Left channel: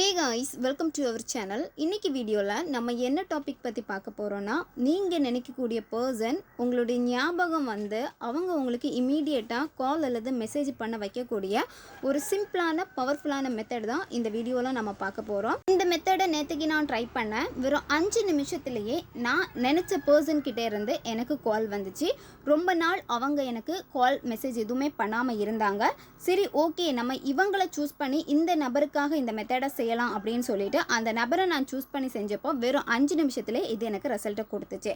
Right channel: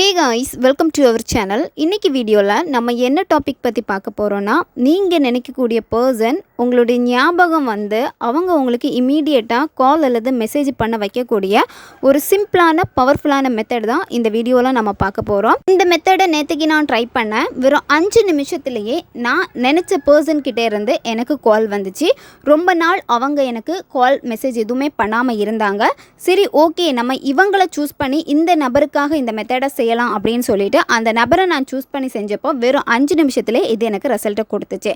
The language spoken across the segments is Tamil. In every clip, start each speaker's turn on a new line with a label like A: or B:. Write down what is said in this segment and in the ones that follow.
A: Hey guys welcome to our channel இன்றைக்கி வீடியோவில் நம்ம என்ன டாபிக் பற்றி பார்க்க போகிறோன்னா நீங்கள் நினைக்கக்கூடிய பர்சன் உங்களுடைய ஞாபகம் வந்து அவங்க உங்களுக்கு இமீடியட்டாக கால் அல்லது மெசேஜ் பண்ண வைக்கக்கூடிய ஒரு சிம்பிளான பவர்ஃபுல்லான மெத்தட் தான் இந்த வீடியோவில் நம்ம பார்க்க போகிறோம் இந்த மெத்தடை நேற்றுக்கு நான் ட்ரை பண்ணேன். வெறும் அஞ்சு நிமிஷத்துலேயே நான் நினச்ச பர்சன் கிட்டே இருந்து எனக்கு கால் வந்துச்சு. ரொம்ப நாள் அவங்க எனக்கு கால் மெசேஜ் எதுவுமே பண்ணாமல் இருந்தாங்க. சரி ஓகே நம்ம இவங்களை சூஸ் பண்ணி இந்த நபருக்காக இந்த மெத்தடை செய்யலாம் அப்படின்னு சொல்லிட்டு அந்த நபரை நான் சூஸ் பண்ணி செஞ்சப்போ வெறும் அஞ்சு நிமிஷத்துலேயே இது எனக்கு ரிசல்ட்டை கொடுத்துச்சு.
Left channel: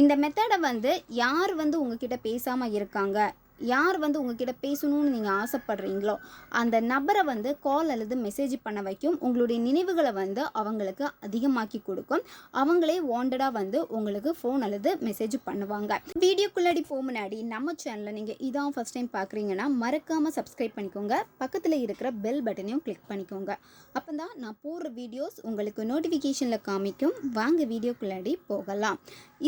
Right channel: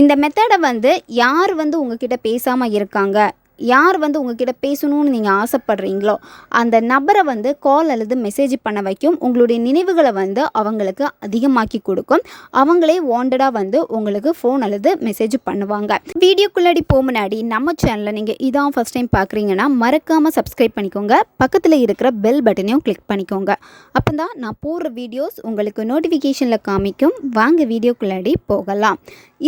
A: இந்த மெத்தடை வந்து யார் வந்து உங்ககிட்ட பேசாமல் இருக்காங்க? யார் வந்து உங்ககிட்ட பேசணும்னு நீங்கள் ஆசைப்படுறீங்களோ அந்த நபரை வந்து கால் அல்லது மெசேஜ் பண்ண வைக்கும். உங்களுடைய நினைவுகளை வந்து அவங்களுக்கு அதிகமாக்கி கொடுக்கும். அவங்களே வாண்டடாக வந்து உங்களுக்கு ஃபோன் அல்லது மெசேஜ் பண்ணுவாங்க. வீடியோக்குள்ளாடி போக முன்னாடி நம்ம சேனலில் நீங்கள் இதான் ஃபஸ்ட் டைம் பார்க்குறீங்கன்னா மறக்காமல் சப்ஸ்கிரைப் பண்ணிக்கோங்க. பக்கத்தில் இருக்கிற பெல் பட்டனையும் கிளிக் பண்ணிக்கோங்க. அப்போ தான் நான் போடுற வீடியோஸ் உங்களுக்கு நோட்டிஃபிகேஷனில் காமிக்கும். வாங்க வீடியோக்குள்ளாடி போகலாம்.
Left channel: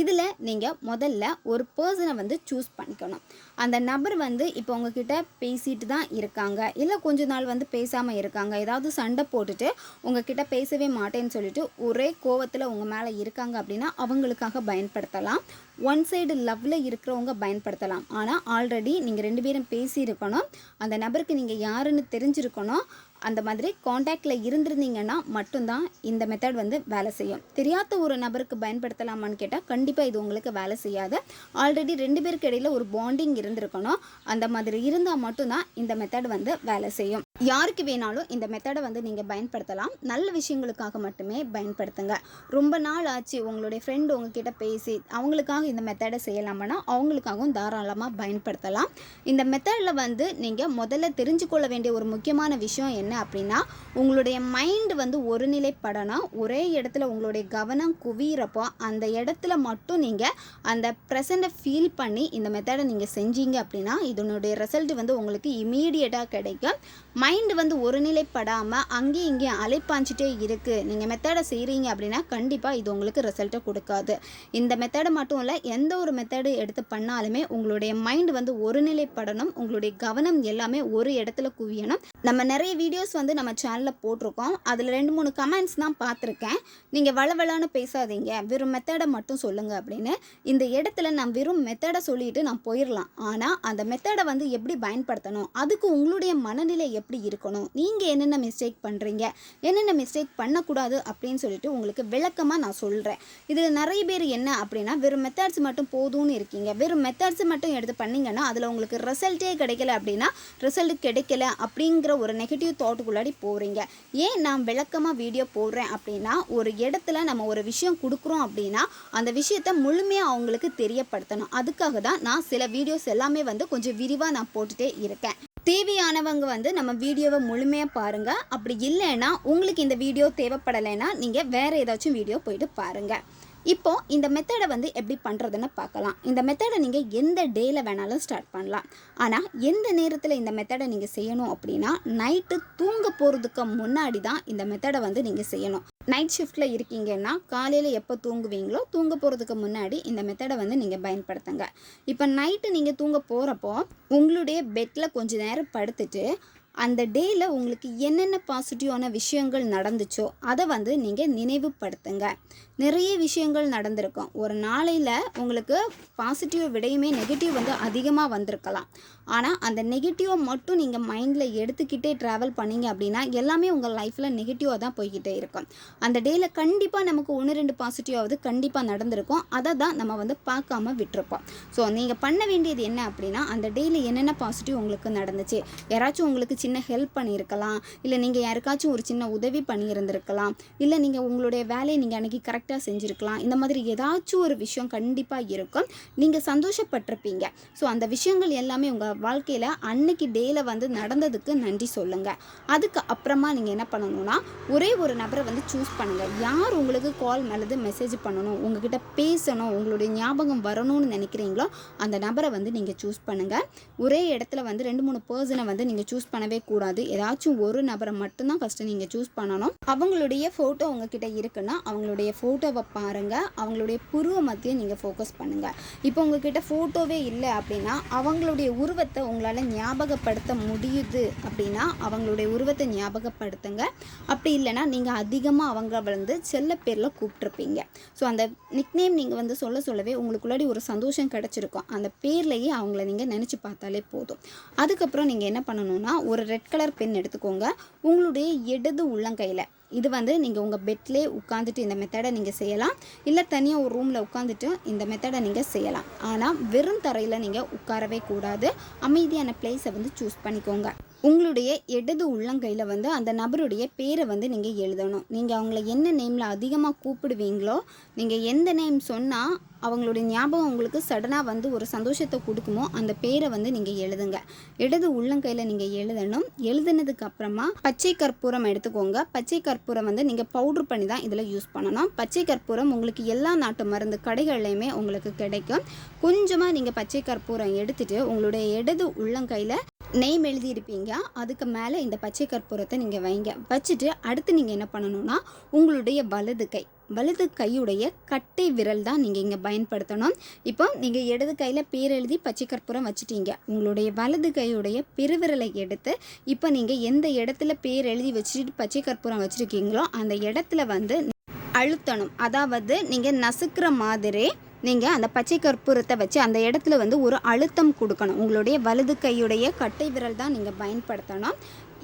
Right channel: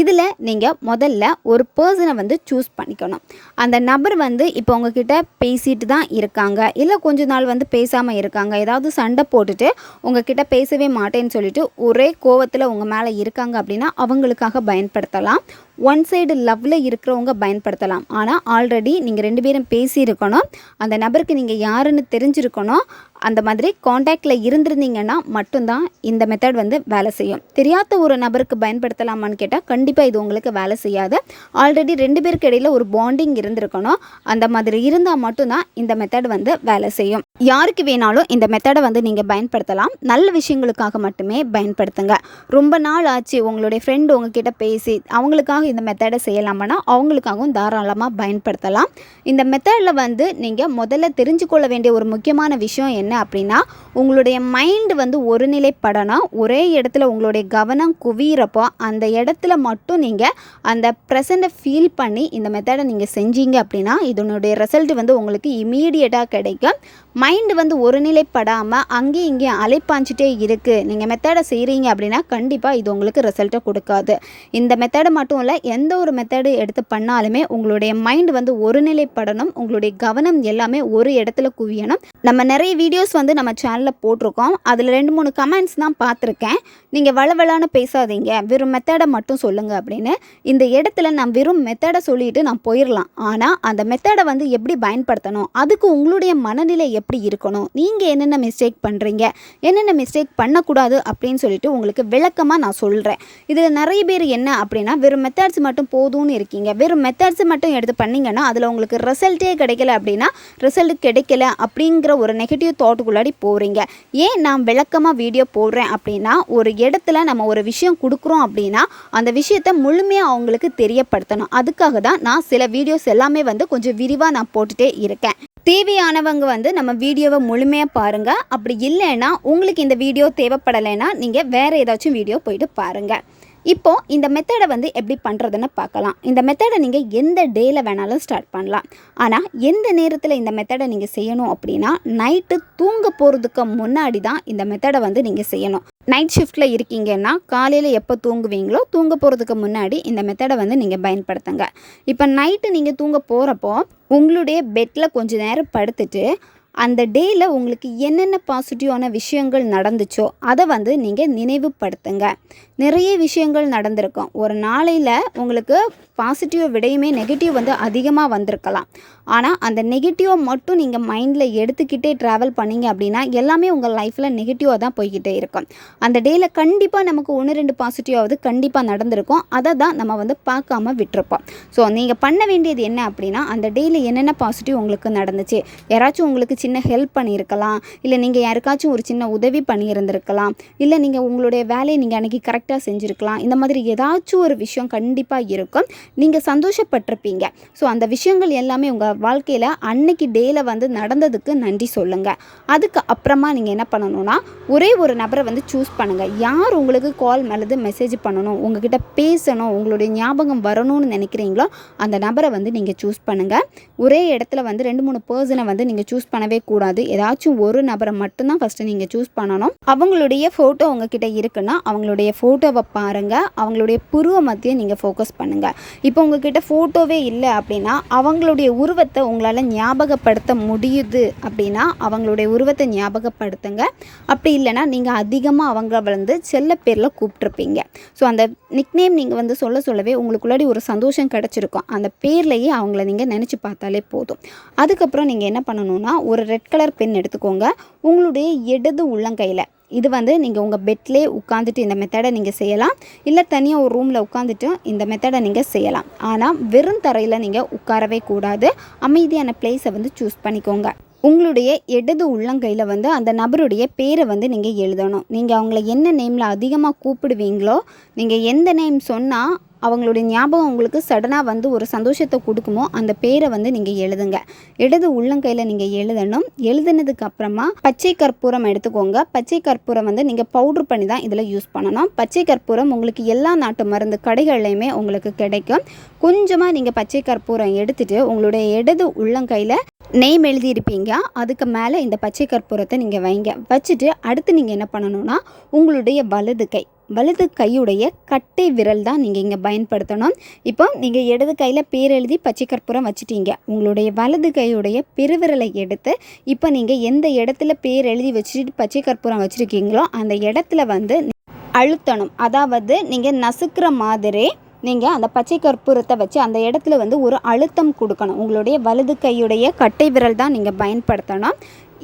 A: இதில் நீங்கள் முதல்ல ஒரு பர்சனை வந்து சூஸ் பண்ணிக்கணும். அந்த நபர் நபர் வந்து இப்போ உங்ககிட்ட பேசிட்டு தான் இருக்காங்க. இல்லை கொஞ்ச நாள் வந்து பேசாமல் இருக்காங்க. ஏதாவது சண்டை போட்டுட்டு உங்ககிட்ட பேசவே மாட்டேன்னு சொல்லிட்டு ஒரே கோவத்தில் உங்கள் மேலே இருக்காங்க அப்படின்னா அவங்களுக்காக பயன்படுத்தலாம். ஒன் சைடு லவ்வில் இருக்கிறவங்க பயன்படுத்தலாம். ஆனால் ஆல்ரெடி நீங்கள் ரெண்டு பேரும் பேசியிருக்கணும். அந்த நபருக்கு நீங்கள் யாருன்னு தெரிஞ்சிருக்கணும். அந்த மாதிரி காண்டாக்டில் இருந்திருந்தீங்கன்னா மட்டும்தான் இந்த மெத்தட் வந்து வேலை செய்யும். தெரியாத ஒரு நபருக்கு பயன்படுத்தலாமான்னு கேட்டால் கண்டிப்பாக இது உங்களுக்கு வேலை செய்யாது. ஆல்ரெடி ரெண்டு பேருக்கு இடையில் ஒரு பாண்டிங் இருந்திருக்கணும். அந்த மாதிரி இருந்தால் மட்டும்தான் இந்த மெத்தட் வந்து வேலை செய்யும். யாருக்கு வேணாலும் இந்த மெத்தடை வந்து நீங்கள் பயன்படுத்தலாம். நல்ல விஷயங்களுக்காக மட்டுமே பயன்படுத்துங்க. ரொம்ப நாள் ஆச்சு உங்களுடைய ஃப்ரெண்டு உங்ககிட்ட பேசி அவங்களுக்காக இந்த மெத்தடை செய்யலாமான்னா அவங்களுக்காகவும் தாராளமாக பயன்படுத்தலாம். இந்த மெத்தடில் வந்து நீங்கள் முதல்ல தெரிஞ்சுக்கொள்ள வேண்டிய ஒரு முக்கியமான விஷயம் என்ன? என்ன அப்படின்னா உங்களுடைய மைண்டு வந்து ஒருநிலைப்படணும் ஒரே இடத்துல உங்களுடைய கவனம் குவியிறப்போ அந்த இடத்துல மட்டும் நீங்கள் அந்த ப்ரெசண்ட்டை ஃபீல் பண்ணி இந்த மெத்தடை நீங்கள் செஞ்சீங்க அப்படின்னா இதனுடைய ரிசல்ட் வந்து உங்களுக்கு இமீடியட்டாக கிடைக்கும். மைண்டு வந்து ஒருநிலைப்படாமல் அங்கேயும் இங்கேயும் அலைப்பாஞ்சிட்டே இருக்குது நீங்கள் மெத்தடை செய்கிறீங்க அப்படின்னா கண்டிப்பாக இது உங்களுக்கு ரிசல்ட்டை கொடுக்காது. இந்த மெத்தடை மட்டும் இல்லை எந்த ஒரு மெத்தடு எடுத்து பண்ணாலுமே உங்களுடைய மைண்டு வந்து ஒருநிலைப்படணும். உங்களுடைய கவனம் எல்லாமே ஒரு இடத்துல குவியணும். நம்ம நிறைய வீடியோஸ் வந்து நம்ம சேனல் சேனலில் போட்டிருக்கோம். அதில் ரெண்டு மூணு கமெண்ட்ஸ் தான் பார்த்துருக்கேன். நீங்கள் வளவலான பேசாதீங்க. வெறும் மெத்தடை மட்டும் சொல்லுங்கள் அப்படின்னு. இந்த இடத்துல நான் வெறும் மெத்தடை சொல்லிட்டு நான் போயிடலாம் ஆனால் அந்த மெத்தடை வந்து எப்படி பயன்படுத்தணும்? அதுக்கு உங்களுடைய மனநிலை எப்படி இருக்கணும்? நீங்கள் என்னென்ன மிஸ்டேக் பண்ணுறீங்க என்னென்ன மிஸ்டேக் பண்ணக்கூடாது அப்படின்னு சொல்லிட்டு உங்களுக்கு விளக்கமாக நான் சொல்கிறேன் இதில் நிறைய பேர் என்ன அப்படின்னா வெறும் மெத்தட்ஸ் மட்டும் போதும்னு இருக்கீங்க. வெறும் மெத்தட்ஸ் மட்டும் எடுத்து பண்ணிங்கன்னா அதில் உங்களுக்கு ரிசல்ட்டே கிடைக்கல அப்படின்னா ரிசல்ட் கிடைக்கல அப்படிங்கிற ஒரு நெகட்டிவ் தாட்டுக்குள்ளாடி போகிறீங்க ஏன் நான் விளக்கமாக வீடியோ போடுறேன் அப்படின்னா ஒரு இடத்துல நம்ம ஒரு விஷயம் கொடுக்குறோம் அப்படின்னா அந்த விஷயத்தை முழுமையாக அவங்களுக்கு தெரியப்படுத்தணும். அதுக்காக தான் நான் சில வீடியோஸ் எல்லாமே வந்து கொஞ்சம் விரிவாக நான் போட்டுகிட்டே இருக்கேன். தேவையானவங்க வந்து நம்ம வீடியோவை முழுமையாக பாருங்கள் அப்படி இல்லைன்னா உங்களுக்கு இந்த வீடியோ தேவைப்படலைன்னா நீங்கள் வேறு ஏதாச்சும் வீடியோ போயிட்டு பாருங்கள் இப்போ இந்த மெத்தடை வந்து எப்படி பண்ணுறதுன்னு பார்க்கலாம். இந்த மெத்தடை நீங்கள் எந்த டேயில் வேணாலும் ஸ்டார்ட் பண்ணலாம். ஆனால் எந்த நேரத்தில் இந்த மெத்தடை நீங்கள் செய்யணும் அப்படின்னா நைட்டு தூங்க போகிறதுக்கு முன்னாடி தான் இந்த மெத்தடை வந்து நீங்கள் செய்யணும். நைட் ஷிஃப்ட்டில் இருக்கீங்கன்னா காலையில் எப்போ தூங்குவீங்களோ தூங்க போகிறதுக்கு முன்னாடி இந்த மெத்தடை வந்து நீங்கள் பயன்படுத்துங்க. இப்போ நைட்டு நீங்கள் தூங்க போகிறப்போ உங்களுடைய பெட்டில் கொஞ்சம் நேரம் படுத்துட்டு அந்த டேயில் உங்களுக்கு என்னென்ன பாசிட்டிவான விஷயங்கள் நடந்துச்சோ அதை வந்து நீங்கள் நினைவுபடுத்துங்க. நிறைய விஷயங்கள் நடந்திருக்கும். ஒரு நாளையில் உங்களுக்கு பாசிட்டிவ் விடையுமே நெகட்டிவ் வந்து அதிகமாக வந்திருக்கலாம். ஆனால் அந்த நெகட்டிவை மட்டும் நீங்கள் மைண்டில் எடுத்துக்கிட்டே ட்ராவல் பண்ணீங்க அப்படின்னா எல்லாமே உங்கள் லைஃப்பில் நெகட்டிவாக தான் போய்கிட்டே இருக்கும். அந்த டேயில் கண்டிப்பாக நமக்கு ஒன்று ரெண்டு பாசிட்டிவாவது கண்டிப்பாக நடந்திருக்கும். அதை தான் நம்ம வந்து பார்க்காம விட்டுருப்போம். ஸோ நீங்கள் பண்ண வேண்டியது என்ன அப்படின்னா அந்த டேயில் என்னென்ன பாசிட்டிவ் உங்களுக்கு நடந்துச்சு? யாராச்சும் உங்களுக்கு சின்ன ஹெல்ப் பண்ணியிருக்கலாம். இல்லை நீங்கள் யாருக்காச்சும் ஒரு சின்ன உதவி பண்ணியிருந்திருக்கலாம். இல்லை நீங்கள் உங்களுடைய வேலையை நீங்கள் அன்றைக்கி கரெக்ட் கரெக்டாக செஞ்சுருக்கலாம். இந்த மாதிரி ஏதாச்சும் ஒரு விஷயம் கண்டிப்பாக இருக்கும். நீங்கள் சந்தோஷப்பட்டிருப்பீங்க. ஸோ அந்த விஷயங்கள் எல்லாமே உங்கள் வாழ்க்கையில் அன்னைக்கு டேயில் வந்து நடந்ததுக்கு நன்றி சொல்லுங்கள் அதுக்கு அப்புறமா நீங்கள் என்ன பண்ணணும்னா ஒரே ஒரு நபரை வந்து சூஸ் பண்ணுங்கள் யார் உங்களுக்கு கால் அல்லது மெசேஜ் பண்ணணும்? உங்ககிட்ட பேசணும்? உங்களுடைய ஞாபகம் வரணும்னு நினைக்கிறீங்களோ அந்த நபரை வந்து நீங்கள் சூஸ் பண்ணுங்கள் ஒரே இடத்துல வந்து ரெண்டு மூணு பர்சனை வந்து நீங்கள் சூஸ் பண்ணவே கூடாது. ஏதாச்சும் ஒரு நபரை மட்டும்தான் ஃபஸ்ட்டு நீங்கள் சூஸ் பண்ணணும். அவங்களுடைய ஃபோட்டோ உங்ககிட்ட இருக்குன்னா அவங்களுடைய ஃபோட்டோ ஃபோட்டோவை பாருங்கள் அவங்களுடைய புருவ மத்தியை நீங்கள் ஃபோக்கஸ் பண்ணுங்கள் இப்போ உங்ககிட்ட ஃபோட்டோவே இல்லை அப்படின்னா அவங்களுடைய உருவத்தை உங்களால் ஞாபகப்படுத்த முடியுது அப்படின்னா அவங்களுடைய உருவத்தை ஞாபகப்படுத்துங்க. அப்படி இல்லைன்னா நீங்கள் அதிகமாக அவங்க வந்து செல்ல பேரில் கூப்பிட்ருப்பீங்க ஸோ அந்த நிக்நேம் நீங்கள் வந்து சொல்ல சொல்லவே உங்களுக்குள்ளாடி ஒரு சந்தோஷம் கிடச்சிருக்கும். அந்த பேர்லேயே அவங்கள நீங்கள் நினச்சி பார்த்தாலே போதும். அதுக்கப்புறம் நீங்கள் என்ன பண்ணணும்னா ஒரு ரெட் கலர் பென் எடுத்துக்கோங்க. உங்களுடைய இடது உள்ளங்கையில். இது வந்து நீங்கள் உங்கள் பெட்லேயே உட்காந்துட்டு இந்த மெத்தடை நீங்கள் செய்யலாம். இல்லை தனியாக ஒரு ரூமில் உட்காந்துட்டு இந்த மெத்தடை நீங்கள் செய்யலாம். ஆனால் வெறும் தரையில் நீங்கள் உட்காரவே கூடாது. அமைதியான பிளேஸை வந்து சூஸ் பண்ணிக்கோங்க. உங்களுடைய இடது உள்ளங்கையில் வந்து அந்த நபருடைய பேரை வந்து நீங்கள் எழுதணும். நீங்கள் அவங்கள என்ன நேமில் அதிகமாக கூப்பிடுவீங்களோ நீங்கள் எந்த நேம் சொன்னால் அவங்களுடைய ஞாபகம் உங்களுக்கு சடனாக வந்து ஒரு சந்தோஷத்தை கொடுக்குமோ அந்த பேரை வந்து நீங்கள் எழுதுங்க. இடது உள்ளங்கையில் நீங்கள் எழுதணும். எழுதுனதுக்கு அப்புறமா பச்சை கற்பூரம் எடுத்துக்கோங்க. பச்சை கற்பூரம் வந்து நீங்கள் பவுட்ரு பண்ணி தான் இதில் யூஸ் பண்ணணும். பச்சை கற்பூரம் உங்களுக்கு எல்லா நாட்டு மருந்து கடைகள்லையுமே உங்களுக்கு கிடைக்கும். கொஞ்சமாக நீங்கள் பச்சை கற்பூரம் எடுத்துகிட்டு உங்களுடைய இடது உள்ளங்கையில் நெய்ம் எழுதியிருப்பீங்க. அதுக்கு மேலே இந்த பச்சை கற்பூரத்தை நீங்கள் வைங்க. வச்சுட்டு அடுத்து நீங்கள் என்ன பண்ணணும்னா உங்களுடைய வலது கை. வலது கையுடைய கட்டை விரல் தான் நீங்கள் இங்கே பயன்படுத்தணும். இப்போ நீங்கள் இடது கையில் பேர் எழுதி பச்சை கற்பூரம் வச்சுட்டீங்க. உங்களுடைய வலது கையுடைய பெருவிரலை எடுத்து இப்போ நீங்கள் எந்த இடத்துல பேர் எழுதி வச்சுட்டு பச்சை கற்பூரம் வச்சுருக்கீங்களோ அந்த இடத்துல வந்து அழுத்தணும். அதாவது நீங்கள் நசுக்கிற மாதிரி நீங்கள் அந்த பச்சை கற்பூரத்தை வச்சு அந்த இடத்துல வந்து ஒரு அழுத்தம் கொடுக்கணும். உங்களுடைய வலது கையுடைய கட்டை விரல் தான் நீங்கள் பயன்படுத்தணும்.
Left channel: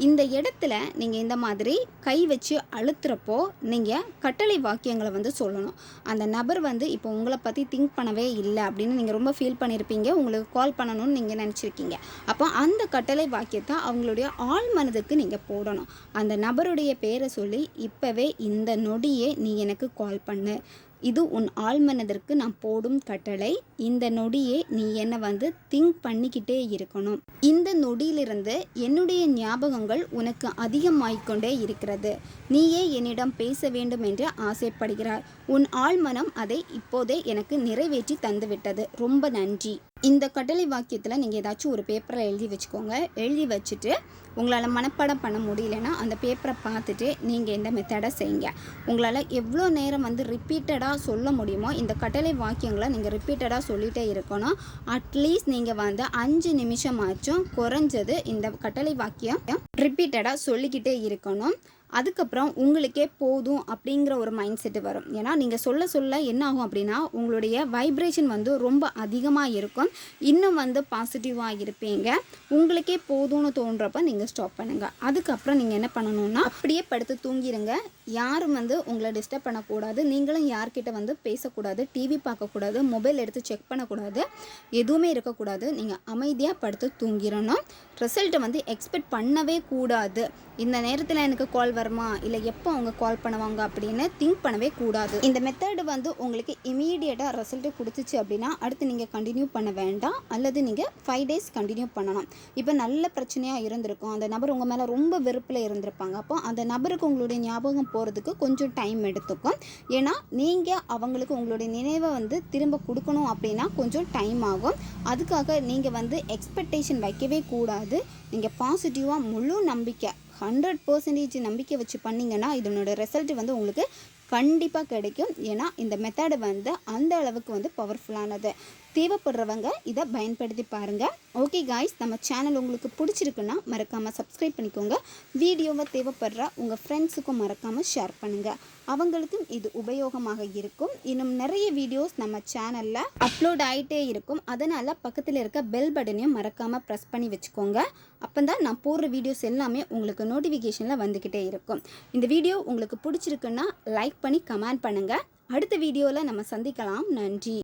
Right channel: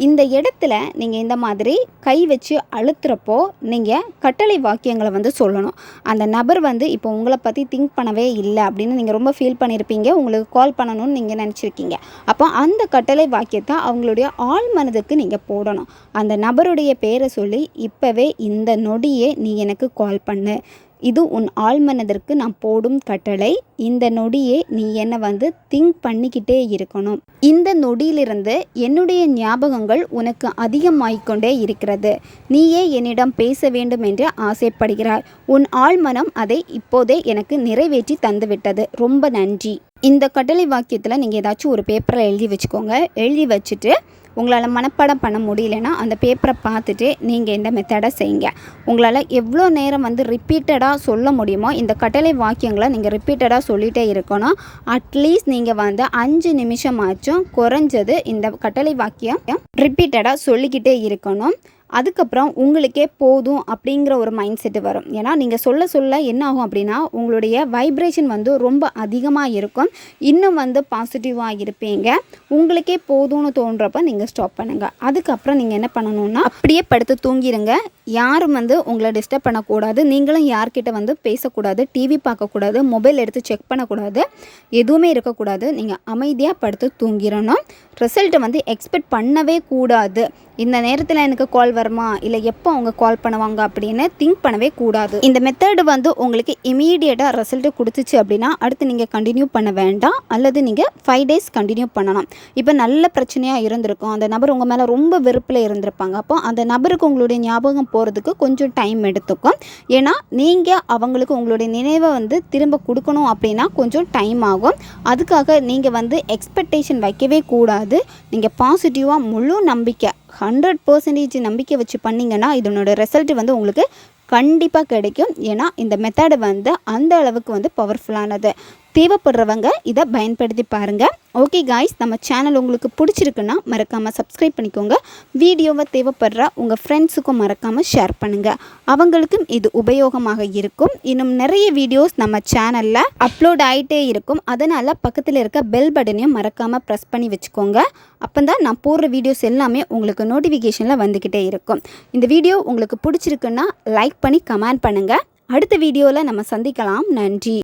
A: இந்த இடத்துல நீங்கள் இந்த மாதிரி கை வச்சு அழுத்துறப்போ நீங்கள் கட்டளை வாக்கியங்களை வந்து சொல்லணும். அந்த நபர் வந்து இப்போ உங்களை பற்றி திங்க் பண்ணவே இல்லை அப்படின்னு நீங்கள் ரொம்ப ஃபீல் பண்ணியிருப்பீங்க உங்களுக்கு கால் பண்ணணும்னு நீங்கள் நினச்சிருக்கீங்க. அப்போ அந்த கட்டளை வாக்கியத்தை அவங்களுடைய ஆள் மனதுக்கு நீங்கள் போடணும். அந்த நபருடைய பேரை சொல்லி இப்போவே இந்த நொடியே நீ எனக்கு கால் பண்ணு. இது உன் ஆழ்மனதிற்கு நான் போடும் கட்டளை. இந்த நொடியே நீ என்னை வந்து திங்க் பண்ணிக்கிட்டே இருக்கணும். இந்த நொடியிலிருந்து என்னுடைய ஞாபகங்கள் உனக்கு அதிகமாகிக்கொண்டே இருக்கிறது. நீயே என்னிடம் பேச வேண்டும் என்று ஆசைப்படுகிறாய். உன் ஆழ்மனம் அதை இப்போதே எனக்கு நிறைவேற்றி தந்துவிட்டது. ரொம்ப நன்றி. இந்த கட்டளை வாக்கியத்தில் நீங்கள் ஏதாச்சும் ஒரு பேப்பரில் எழுதி வச்சுக்கோங்க. எழுதி வச்சுட்டு உங்களால் மனப்பாடம் பண்ண முடியலன்னா அந்த பேப்பரை பார்த்துட்டு நீங்கள் இந்த மெத்தடை செய்யுங்க. உங்களால் எவ்வளோ நேரம் வந்து ரிப்பீட்டடாக சொல்ல முடியுமோ இந்த கட்டளை வாக்கியங்களை நீங்கள் ரிப்பீட்டடாக சொல்லிகிட்டே இருக்கணும். அட்லீஸ்ட் நீங்கள் வந்து அஞ்சு நிமிஷமாச்சும் குறைஞ்சது இந்த கட்டளை வாக்கியம் ரிப்பீட்டடாக சொல்லிக்கிட்டே இருக்கணும். அதுக்கப்புறம் உங்களுக்கே போதும் அப்படிங்கிற ஒரு மைண்ட் செட்டு வரும். ஏன்னா நீங்கள் சொல்ல சொல்ல என்ன ஆகும் அப்படின்னா உங்களுடைய வைப்ரேஷன் வந்து ரொம்ப அதிகமாக இருக்கும். இன்னும் வந்து பாசிட்டிவாக இருப்பீங்க. உங்களுக்கே போதும்னு தோன்றப்ப நீங்கள் ஸ்டாப் பண்ணுங்கள் அதுக்கப்புறம் நீங்கள் என்ன பண்ணணும்னா அப்படியே படுத்து தூங்கிடுங்க யாரும் வந்து உங்களை டிஸ்டர்ப் பண்ணக்கூடாது. நீங்களும் யார்கிட்ட வந்து பேசக்கூடாது டிவி பார்க்கக்கூடாது மொபைல் எடுத்து செக் பண்ணக்கூடாது எதுவுமே இருக்கக்கூடாது. நீங்கள் அமைதியாக படுத்து தூங்கிடணும். ரிசல்ட்டை வந்து எக்ஸ்பெக்ட் பண்ணவே கூடாது. இந்த நேரத்தில் எனக்கு கால் வருமா? இல்லை எப்போ அவங்க கால் பண்ணுவாங்க அப்படின்னு திங்க் பண்ணவே கூடாது. இந்த மெத்தடு வந்து உங்களுக்கு இமீடியட்டாக ரிசல்ட்டு கொடுத்துச்சு அப்படின்னா அடுத்து நீங்கள் கண்டினியூ பண்ண வேண்டாம். அல்லது நீங்கள் ஃபைவ் டேஸ் கண்டினியூ பண்ணலாம். இப்போ நல்ல பிரச்சனையாக இருந்திருக்கும். அந்த நபர் உங்கள் மேலே ரொம்ப வெறுப்பில் இருந்திருப்பாங்க. அப்போ அந்த நபருக்கு உங்களுடைய ஞாபகம் போகிறதுக்கு கொஞ்சம் டைம் எடுத்துக்கும். ஏன்னா நீங்கள் அவங்களுக்கு உங்களுடைய நினைவை வந்து திரும்ப கொடுக்கணும் அப்படின்னா கொஞ்சம் டைம் ஆகும். அதுக்காக நீங்கள் வந்து எக்ஸ்பெக்டேஷன் வைக்கவே கூடாது. நீங்கள் பாசிட்டிவாக முழு நம்பிக்கை ஹண்ட்ரட் பர்சன்டேஜ் நம்பிக்கை வச்சு பண்ணிங்கன்னா இதனோட ரிசல்ட் வந்து உங்களுக்கு கண்டிப்பாக கிடைக்கும். ஏன்னா இந்த மெத்தடு வந்து அந்த அளவுக்கு வந்து பவர்ஃபுல்லானது தேவைப்படுறவங்க இதை பயன்படுத்தி பாருங்கள் ஓகே காய்ஸ் நம்ம சேனல் உங்களுக்கு பிடிச்சிருக்குன்னா மறக்காமல் சப்ஸ்கிரைப் பண்ணிக்கோங்க. வீடியோவை தேவைப்படுற உங்கள் ஃப்ரெண்ட்ஸுக்கும் மறக்காமல் ஷேர் பண்ணுங்கள் அவங்களுக்கும் இது உபயோகமாக இருக்கும். இன்னும் நிறைய வீடியோஸ் நம்ம சேனலில் அப்லோட் ஆகிட்டே இருக்கும். அதனால் பக்கத்தில் இருக்க பெல் பட்டனையும் மறக்காமல் ப்ரெஸ் பண்ணி வச்சுக்கோங்க. அப்போ தான் நான் போடுற வீடியோஸ் எல்லாமே உங்களுக்கு நோட்டிஃபிகேஷனில் வந்துக்கிட்டே இருக்கும். இந்த வீடியோ உங்களுக்கு பிடிச்சிருக்குன்னா லைக் பண்ணி கமெண்ட் பண்ணுங்கள் அடுத்த வீடியோவில் நம்ம சந்திக்கலாம். நன்றி.